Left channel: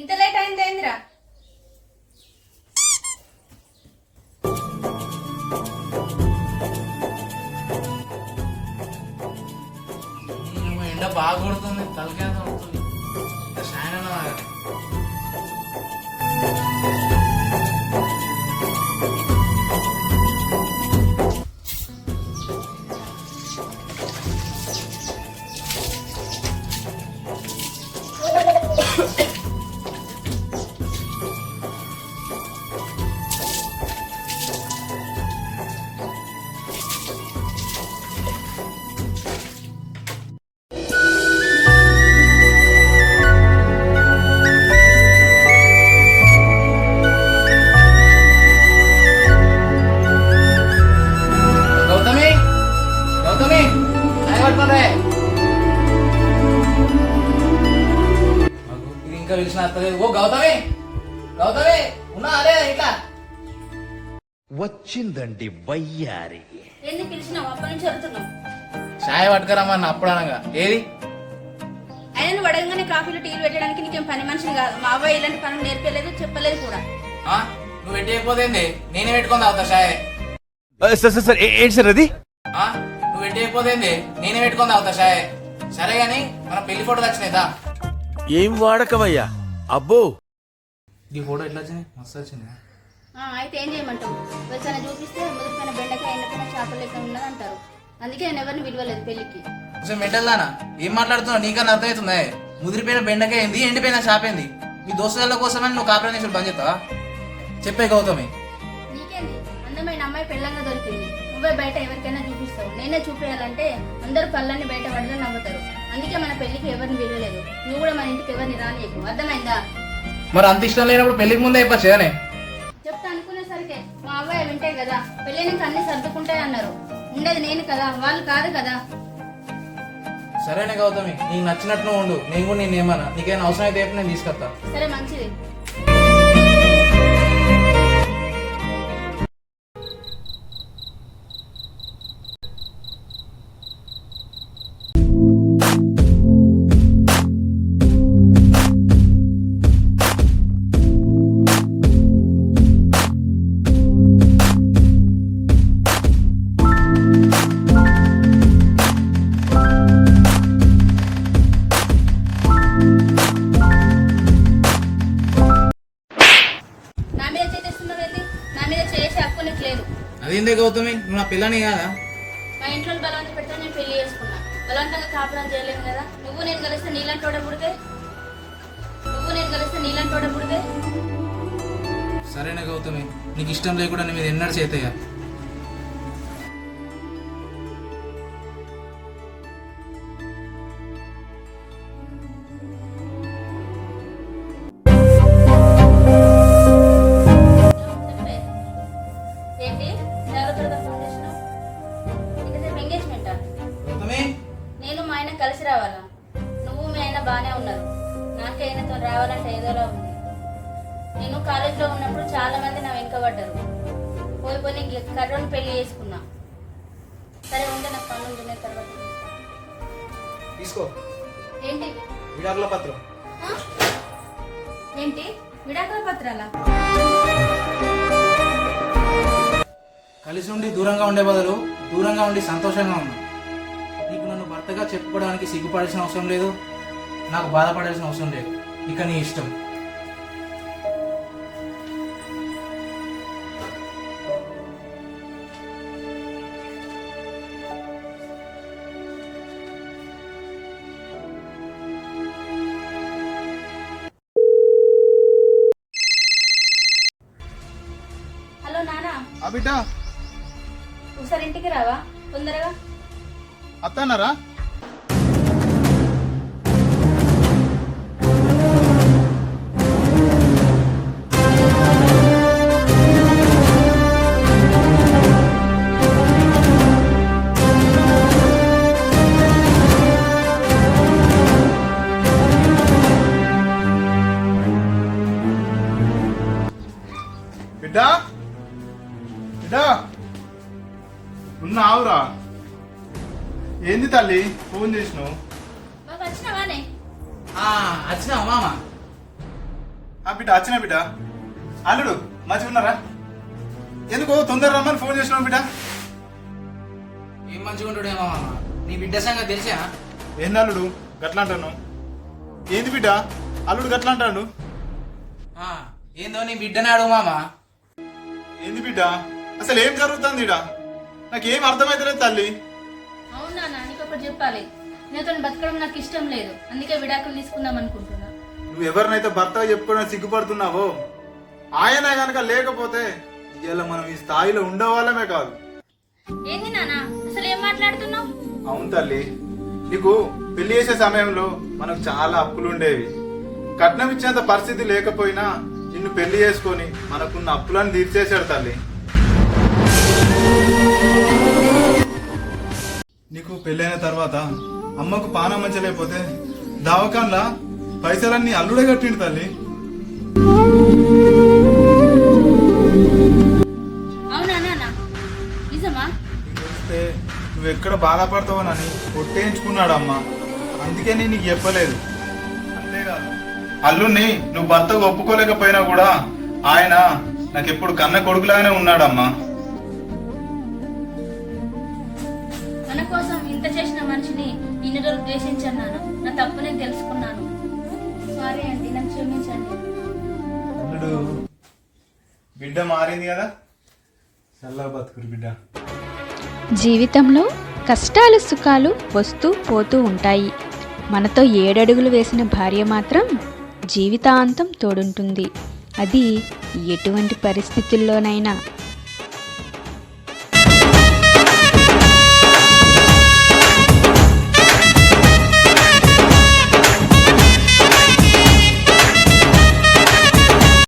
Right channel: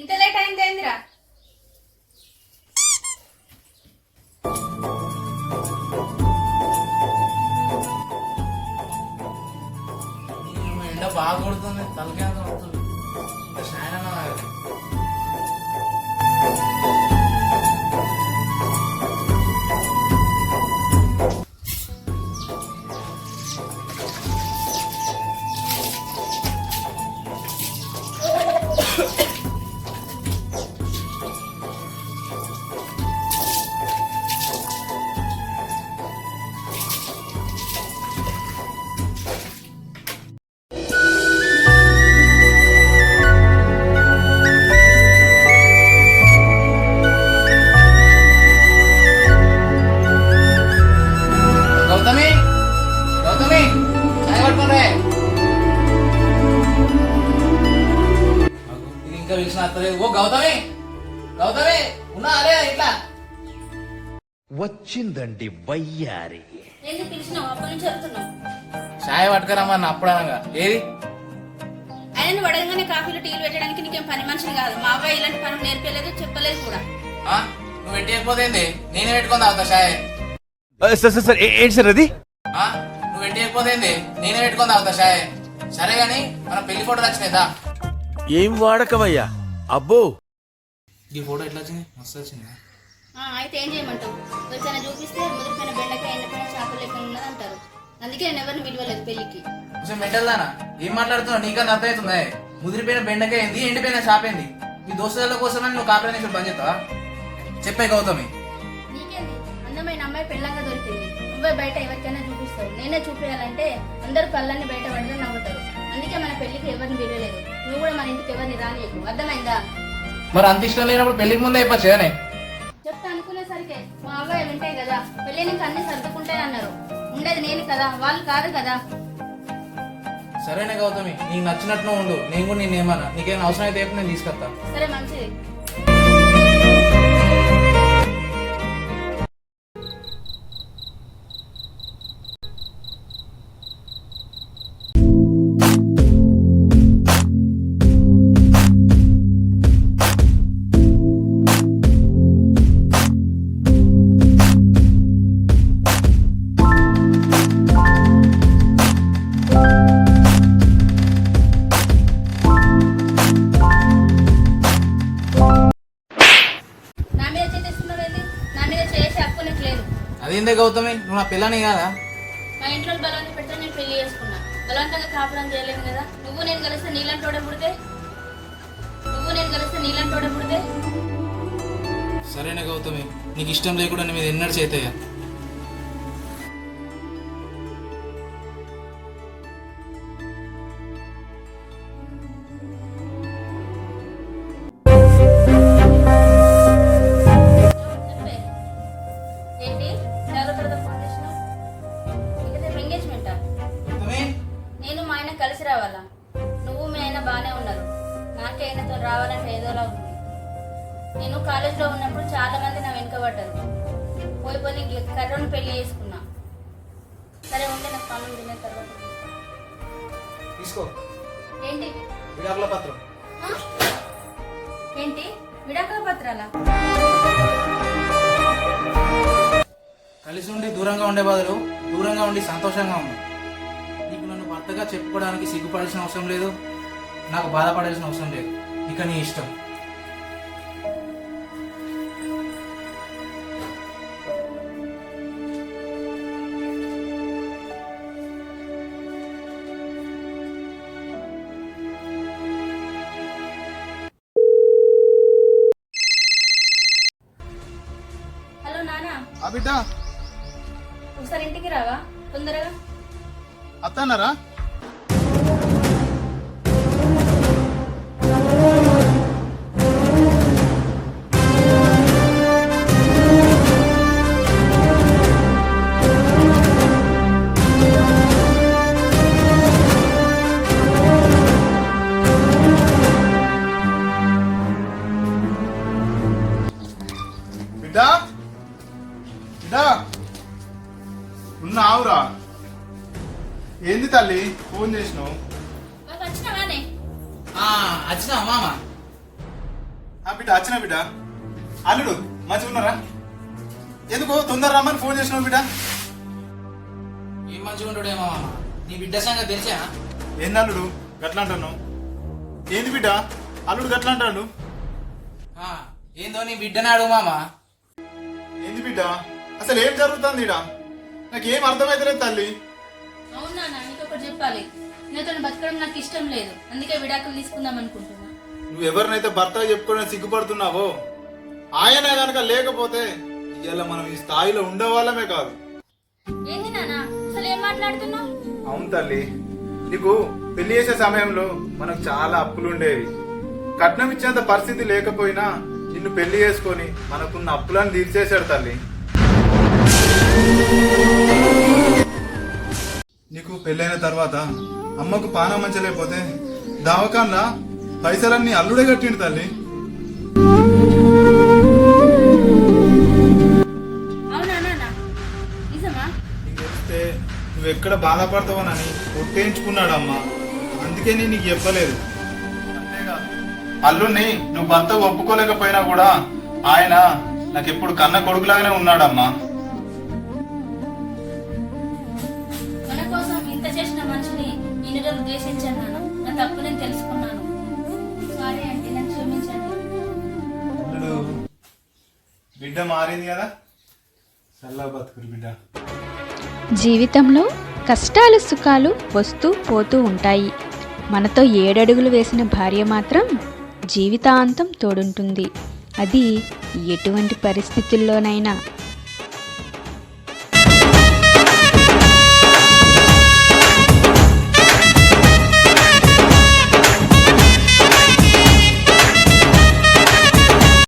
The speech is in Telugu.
ఇంత లేట్ అయింది ఏందిరా? ఎండ బాగా కొడుతుంది, తలకేంత వస్తుంది. షాయన ఇంకా పిలిచిన అత్తలేదు. ఓ గౌతమి, గౌతమి ఉన్నా అదే ఇట్లా వచ్చిందండి వయ్యారి. ఎందుకు పిలిచినావు? అప్పటి నుంచి అడుగుతున్నావు. చాయ్ పట్టుకరమ్మా అప్పుడు అనగా ఏది ఆయన నువ్వు అడగగానే కాఫీలు టీలు పెట్టడానికి నీకేం పని మనిషిని కాదు. మా అవ్వ ఇలాంటి పనులు నేర్పలేదు, చెప్పలేదు కూడా. నువ్వు పెట్టేయకపోతేంది నేనే పెట్టుకుందా అవుతా షాయ్. సార్ ఏంటి సార్ అది? నువ్వు పెట్టేయకపోతేంది నేనే పెట్టుకుందా అవుతా షాయ్. సరే గాని మన పెళ్లి ఫోటోలు వచ్చినాయిదా? ఏం వాడకవయ్యా? అబ్బో, ఈ ఫోటో ఎట్లా వచ్చింది? మస్తు వచ్చింది. అయితే ఏం చేయమంటావు? వెళ్తాన చూపిస్తే ముదిరిపోయిన బెండకాయ ఎండిపోయిన చేపలు లెక్క ఉన్నది అంటారు. అందుకే నేను ఎవరిని విలువలేదు పెళ్లికి. అసలు మెంటల్దానా ఏం మాట్లాడుతున్నావు? నీకన్నా అర్థమవుతుందా? ముదిరిపోయిన బెండకాయ ఏంది, ఎండిపోయిన చేప ఏంది? మీ దోస్తుల కోసమని నువ్వు కాపురాన్ని బంద్ చేస్తావా? చెప్పే గౌతమి. నీకేంది? అందమైన అమ్మాయి పెళ్ళంగా దొరికింది. నువ్వే బయట ఎవరికైనా చూపిస్తావు. నేనే చూపించాలంటే అందరూ కళ్ళన్ని బయట పడితే నవ్వుతారు. అందుకే మన పెళ్లికి ఎవరిని విలువలేదు. నువ్వు కూడా మన ఇంటికి ఎవరిని రానియకు, అర్థమైందా? మరి అంత ఇష్టం లేనప్పుడు పెళ్లికి ముందే అయిపోవచ్చునే. చెప్తా అనుకునేసరికి మా అవ్వాయి వింటాయి కదా, పెళ్ళినికి అన్ని సర్దుకుంటాయి అన్నారు. ఉండేది నేను కదా, వాళ్ళు కాదు కదా. సరేనే గౌతమి, నీకు నచ్చినట్టు ఉండు. నేను కూడా నేను ఏమన్నా నీకేమైనా అవసరం అయితే నేను తీసుకొస్తా. సరే మంచిది. అదేందే గౌతమి, నువ్వు నా పిల్లని కదా? మా ఇంట్లో బలవంత పెట్టా నేను పెళ్లి చేసుకున్నా. బలవంతంగా కాపురం చేయలేను కదా. నువ్వు నేను కలిస్తే నీళ్ళంటోడే పుడితే సరేనే గౌతమి, నీకు ఇష్టం లేకుండా నీ మీద ఎన్నడూ చేతయ్యా. నేను మా ఆయన కలిసి రావాలా? నువ్వు మీ ఆయన బాగానే ఉన్నారు. నాకే ఆయనతో రావాలంటే ఏదోలా ఉంది. నేను కాలేజీలో ఉన్నప్పుడు చాలా మంది నా వెనుకబడ్డారు. పోయి కర్రోని పెళ్లి చేసుకున్నా. సరే ఉంటే నాకు పనులు తిన్న తర్వాత తీసుకో. ఏంటి విడాకుల పత్రం? ఏంటి విడాకుల పత్రాలా? కలిసి ఉండి దూరంగా ఉండే బదులు దూరంగా ఉండి సంతోషంగా ఉన్నా. నీకు నన్ను భర్తగా చెప్పుకోవడానికి సిగ్గుపడాల్సిన అవసరం లేదు, నాకు బాధపడాల్సిన అవసరం లేదు. ఇక నీ ఇష్టం. ఆ బిడ్డ ఒకసారి ఇంటికి రావా తొందరగా. అత్తన్నారా? బిడ్డా బిడ్డా ఉన్నావురా? ఏంది తల్లి ఫోన్ చేసినావు? మాకు వచ్చినావానే? వచ్చినావు మామ? ఆ బిడ్డ వచ్చిన బిడ్డ. అల్లుడు మంచిగా ఉన్నారా? ఎందుకో తొందర రమ్మని ఫోన్ చేసినావు బిడ్డ? ఏం మంచిగా ఉంటాడేమో మామ. నీ బిడ్డ సంగతి తెలిసా? ఏంది అల్లుడు గట్లా అంటాను? ఏంది బిడ్డ అల్లుడు గట్లా అంటాడు? ఏందో నీ బిడ్డనే అడుగు మామ. ఏంది బిడ్డ అసలు ఏం జరుగుతుంది ఇడ? నాకేం అర్థమైతలేదు తల్లి. అవునా, నీకు ఒకటి చెప్పాలి. నీతో బతకడం నాకు ఇష్టం లేదు, అందుకే విడాకులు తీసుకుందాం అనుకుంటున్నా. నువ్వు ఎవరినైతే భర్తగా చెప్పుకోవడానికి సిగ్గుపడుతున్నావో ఆయనే గనక లేకపోతే ఇవాళ మనం ఈ స్థాయిలో ఉండేవాళ్ళమే కాదు. ఏంది నాన్న అసలు ఏం మాట్లాడుతున్నావు? అవును తల్లి, నీకు పెళ్లి చేసే సమయంలో మనకు చాలా అప్పులు ఉండేవి. కట్నం ఇచ్చేంత పరిస్థితి లేకపోయినా నిన్ను పెళ్లి చేసుకొని మనకున్న అప్పులను తీర్చేశాడు తల్లి. నీకు పెళ్ళైన తర్వాత అమ్మకు పానం మంచలేకపోతే దవాఖాన్లా పైసలన్నీ అల్లుడే కట్టిండు తల్లి. అవునా నాన్న, నిజమా? తెలిస్తే నువ్వెక్కడ బాధపడతావనని కొట్టేయించుకున్నాడు అమ్మ, అందుకే నేను నీకు చెప్పలేదు. అంతేకాదు అల్లుడిని నువ్వు భర్తకు ఒప్పుకోలేకపోయినా కూడా ఆయన నాకెప్పుడు కన్న కొడుకులాగానే ఉన్నాడమ్మా. మన కోసం ఇంత చేసిన మనిషిని ఇన్ని రోజులు ద్వేషించాను నాన్న. నా తప్పు నేను తెలుసుకున్నాను. సారీ అండి, నన్ను క్షమించండి. అల్లుడు బిడ్డ మారింది కదా, చల్లగా బతుకురు బిడ్డ. జీవితంలో కష్టాలు సుఖాలు వస్తూ పోతూ ఉంటాయి. మనతో 7 అడుగులు వేసిన భార్య మాత్రం జీవితాంతం తోడుంటుంది. అది ఎటువంటి పరిస్థితుల్లోనైనా.